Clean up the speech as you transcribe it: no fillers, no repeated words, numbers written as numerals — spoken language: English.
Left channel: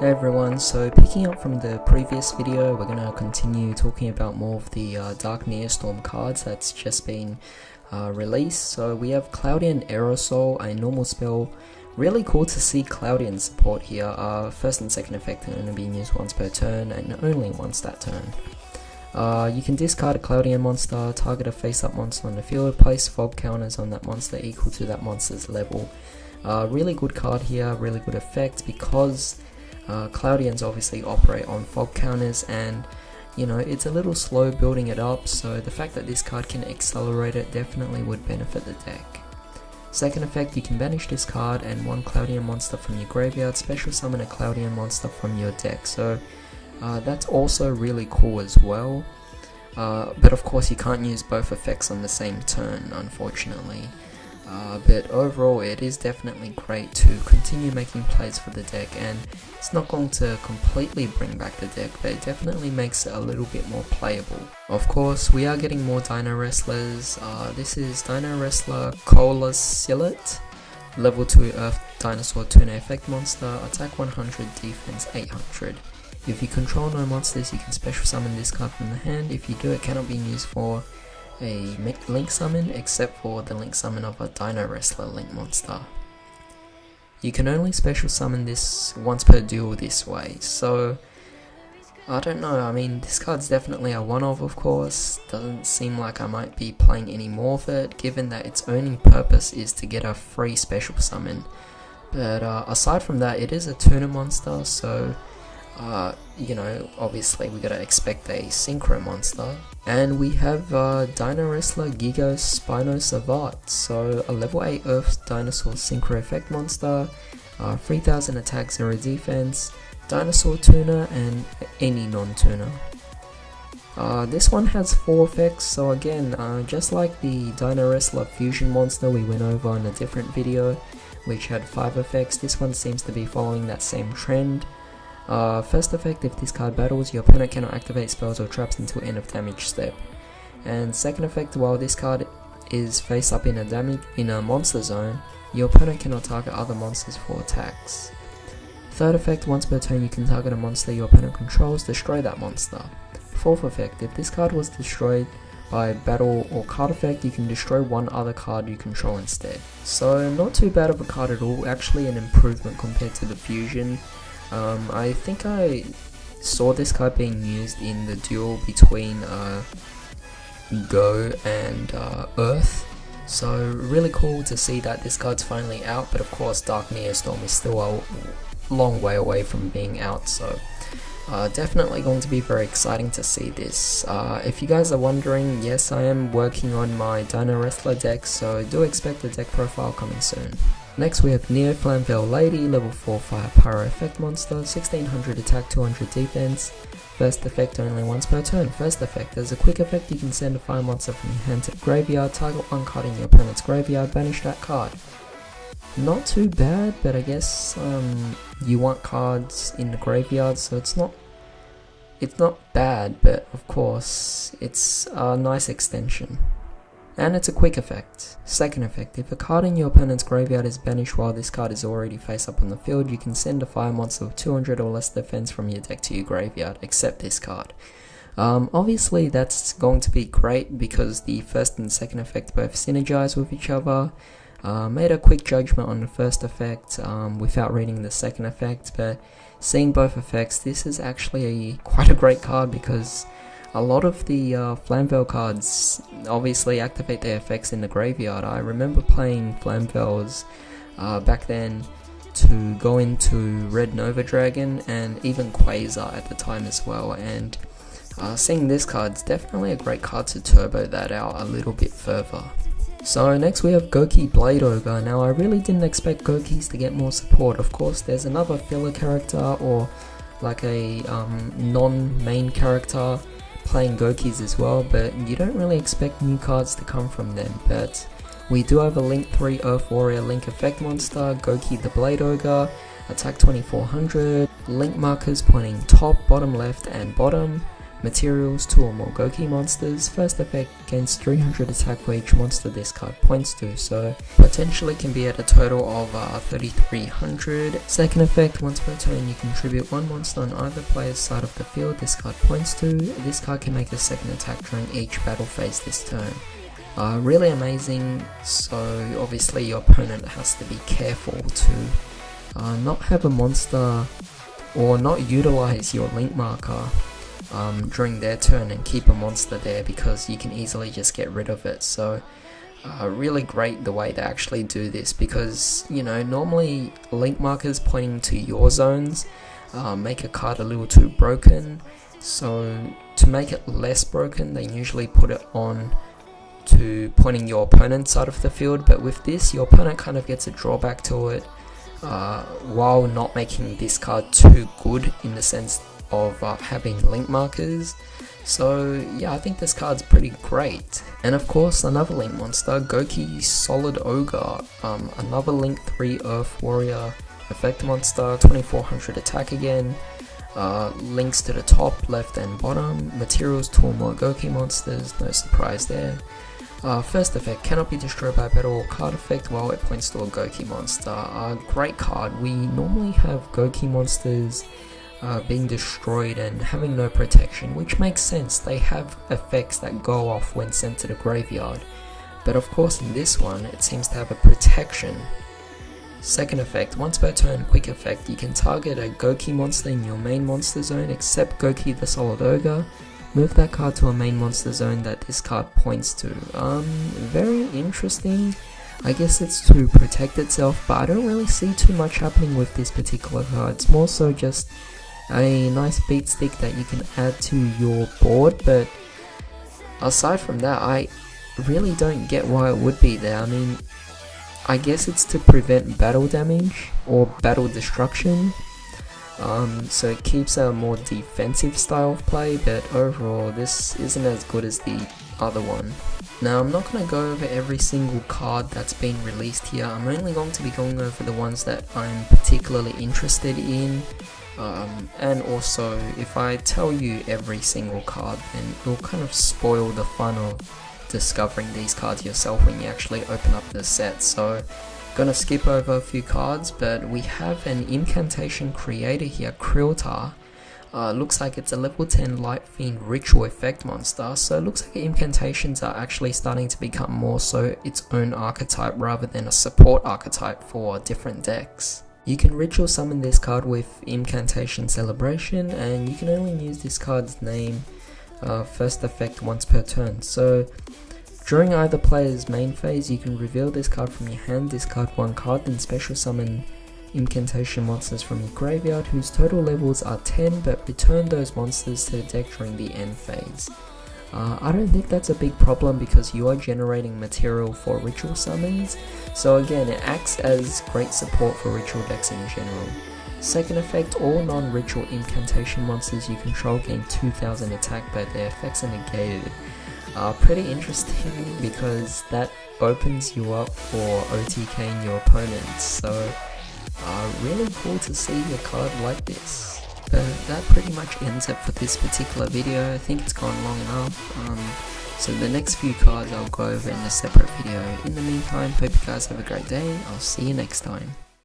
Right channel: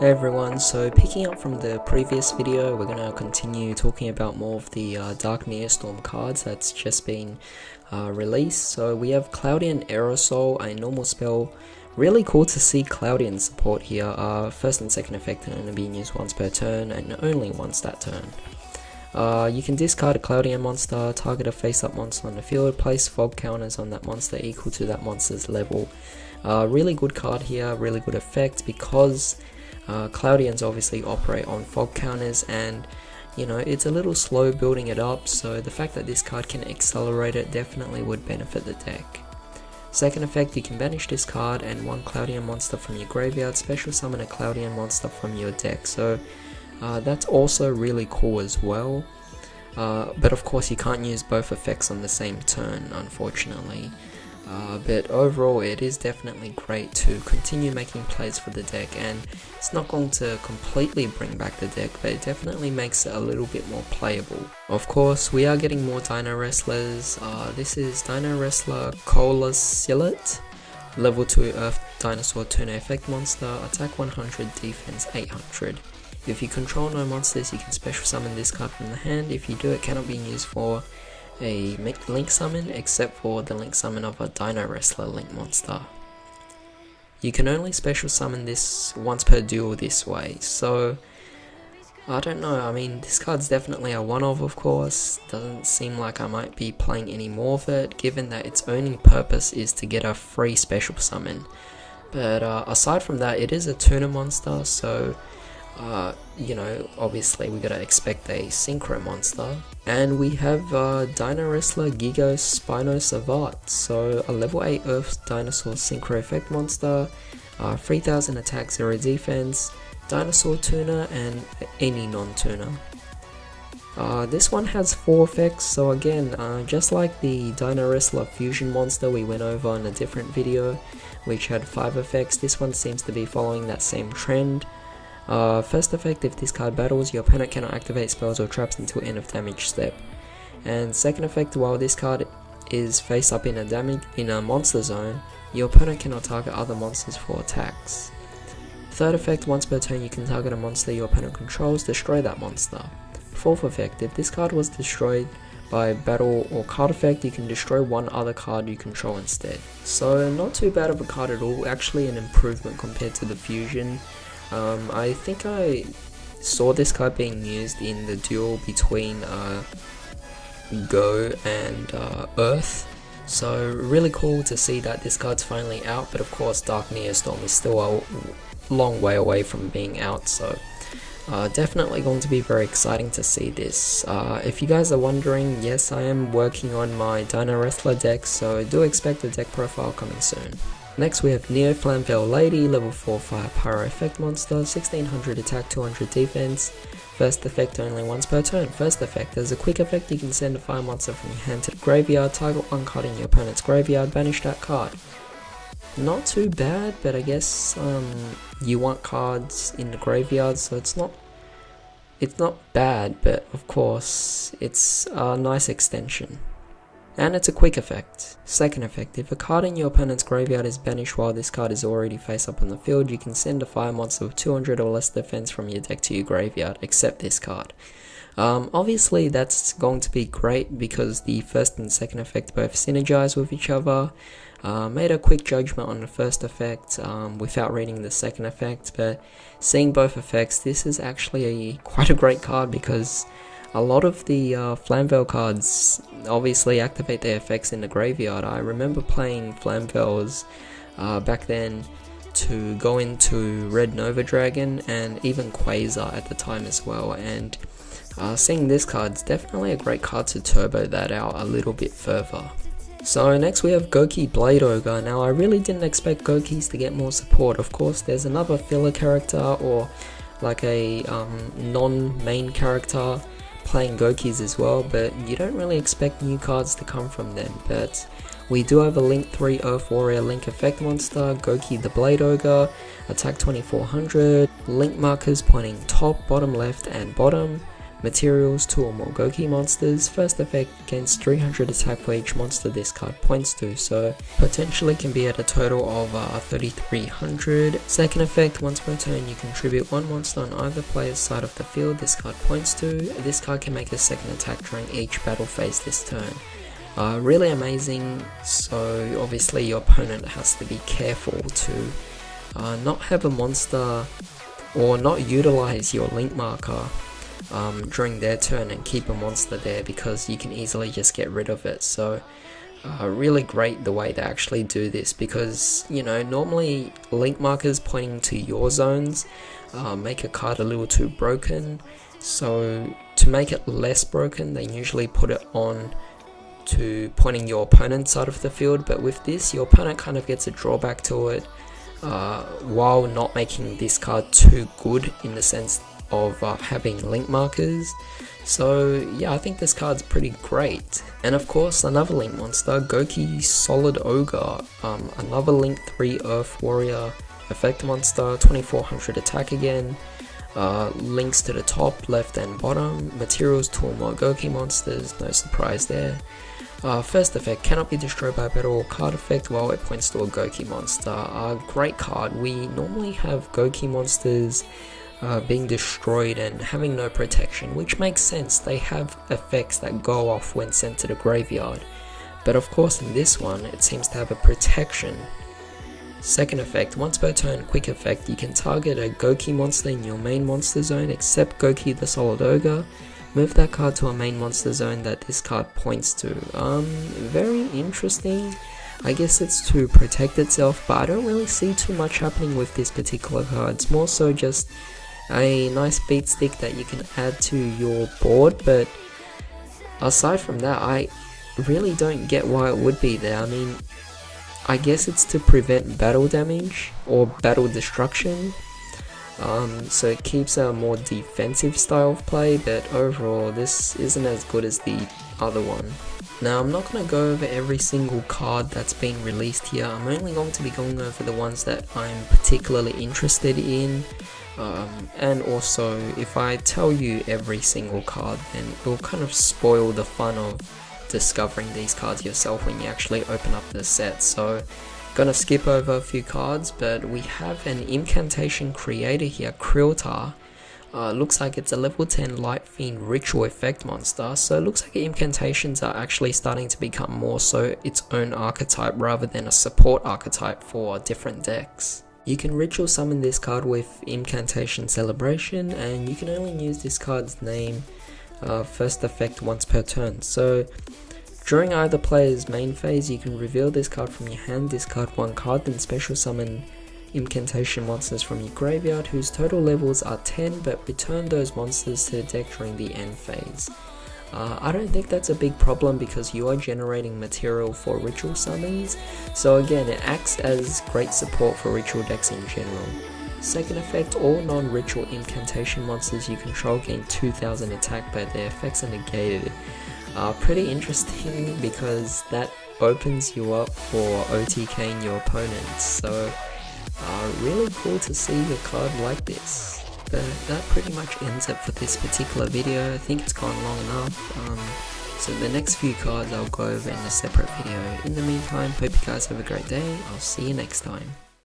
Hey everyone, so picking up from the previous video, we're going to continue talking about more of the Dark Neostorm cards that's just been released. So we have Cloudian Aerosol, a normal spell. Really cool to see Cloudian support here. First and second effect are only being used once per turn and only once that turn. You can discard a Cloudian monster, target a face-up monster on the field, place fog counters on that monster equal to that monster's level. Really good card here, really good effect because Cloudians obviously operate on fog counters, and you know, it's a little slow building it up, so the fact that this card can accelerate it definitely would benefit the deck. Second effect, you can banish this card and one Cloudian monster from your graveyard, special summon a Cloudian monster from your deck, so that's also really cool as well. But of course you can't use both effects on the same turn, unfortunately. But overall it is definitely great to continue making plays for the deck, and it's not going to completely bring back the deck, but it definitely makes it a little bit more playable. Of course we are getting more Dino Wrestlers. This is Dino Wrestler Colosilet, level 2 Earth Dinosaur Tuner effect monster, attack 100, defense 800. If you control no monsters, you can special summon this card from the hand. If you do, it cannot be used for a link summon except for the link summon of a Dino Wrestler link monster. You can only special summon this once per duel this way, so I don't know. I mean, this card's definitely a one-off, of course. Doesn't seem like I might be playing any more of it, given that its only purpose is to get a free special summon. But aside from that, it is a tuner monster, so you know, obviously we gotta expect a synchro monster. And we have Dino Wrestler Yugioh Spinosavat, so a level 8 Earth Dinosaur Synchro Effect monster, 3000 attack, 0 defense, Dinosaur Tuner and any non-tuner. This one has 4 effects, so again, just like the Dino Wrestler Fusion monster we went over in a different video, which had 5 effects, this one seems to be following that same trend. First effect, if this card battles, your opponent cannot activate spells or traps until end of damage step. And second effect, while this card is face up in a monster zone, your opponent cannot target other monsters for attacks. Third effect, once per turn you can target a monster your opponent controls, destroy that monster. Fourth effect, if this card was destroyed by battle or card effect, you can destroy one other card you control instead. So not too bad of a card at all, actually an improvement compared to the fusion. I think I saw this card being used in the duel between Go and Earth, so really cool to see that this card's finally out, but of course Dark Neostorm is still a long way away from being out, so definitely going to be very exciting to see this. If you guys are wondering, yes, I am working on my Dino Wrestler deck, so do expect a deck profile coming soon. Next we have Neo Flamvell Lady, level 4 Fire Pyro Effect Monster, 1600 attack, 200 defense. First effect only once per turn. First effect, as a quick effect you can send a fire monster from your hand to the graveyard, target one card in your opponent's graveyard, banish that card. Not too bad, but I guess you want cards in the graveyard, so it's not bad, but of course it's a nice extension. And it's a quick effect. Second effect, if a card in your opponent's graveyard is banished while this card is already face up on the field, you can send a fire monster with 200 or less defense from your deck to your graveyard, except this card. Obviously that's going to be great because the first and second effect both synergize with each other. Made a quick judgment on the first effect without reading the second effect, but seeing both effects, this is actually quite a great card because a lot of the Flamvell cards obviously activate their effects in the graveyard. I remember playing Flamvells back then to go into Red Nova Dragon and even Quasar at the time as well, and seeing this card's definitely a great card to turbo that out a little bit further. So next we have Goki Blade Ogre. Now I really didn't expect Gokis to get more support. Of course there's another filler character or like a non-main character playing Gokis as well, but you don't really expect new cards to come from them. But we do have a Link 3 Earth Warrior Link Effect monster, Goki the Blade Ogre, attack 2400, link markers pointing top, bottom left and bottom, Materials, 2 or more Goki monsters. First effect, gains 300 attack for each monster this card points to, so potentially can be at a total of 3300. Second effect, once per turn you contribute 1 monster on either player's side of the field this card points to. This card can make a second attack during each battle phase this turn. Really amazing, so obviously your opponent has to be careful to not have a monster or not utilize your link marker during their turn and keep a monster there, because you can easily just get rid of it. So really great the way they actually do this, because you know, normally link markers pointing to your zones make a card a little too broken, so to make it less broken they usually put it on to pointing your opponent's side of the field. But with this, your opponent kind of gets a drawback to it, while not making this card too good in the sense of having link markers. So yeah, I think this card's pretty great. And of course, another link monster, Goki Solid Ogre, another link 3 Earth Warrior effect monster, 2400 attack again. Links to the top, left and bottom. Materials, 2 or more Goki monsters, no surprise there. First effect, cannot be destroyed by battle or card effect while it points to a Goki monster. Great card. We normally have Goki monsters being destroyed and having no protection, which makes sense. They have effects that go off when sent to the graveyard, but of course in this one it seems to have a protection. Second effect, once per turn, quick effect, you can target a Goki monster in your main monster zone except Goki the Solid Ogre. Move that card to a main monster zone that this card points to. Very interesting. I guess it's to protect itself, but I don't really see too much happening with this particular card. It's more so just a nice beat stick that you can add to your board, but aside from that, I really don't get why it would be there. I mean, I guess it's to prevent battle damage or battle destruction, so it keeps a more defensive style of play, but overall this isn't as good as the other one. Now, I'm not going to go over every single card that's been released here. I'm only going to be going over the ones that I'm particularly interested in. And also, if I tell you every single card, then it'll kind of spoil the fun of discovering these cards yourself when you actually open up the set. So gonna skip over a few cards, but we have an incantation creator here, Kriltar. Looks like it's a level 10 Light Fiend Ritual Effect monster, so it looks like incantations are actually starting to become more so its own archetype rather than a support archetype for different decks. You can ritual summon this card with Incantation Celebration, and you can only use this card's name first effect once per turn. So during either player's main phase, you can reveal this card from your hand, discard 1 card, then special summon incantation monsters from your graveyard whose total levels are 10, but return those monsters to the deck during the end phase. I don't think that's a big problem because you are generating material for ritual summons, so again it acts as great support for ritual decks in general. Second effect, all non-ritual incantation monsters you control gain 2000 attack but their effects are negated. Pretty interesting because that opens you up for OTKing your opponents, so really cool to see a card like this. But that pretty much ends it for this particular video. I think it's gone long enough, so the next few cards I'll go over in a separate video. In the meantime, hope you guys have a great day. I'll see you next time.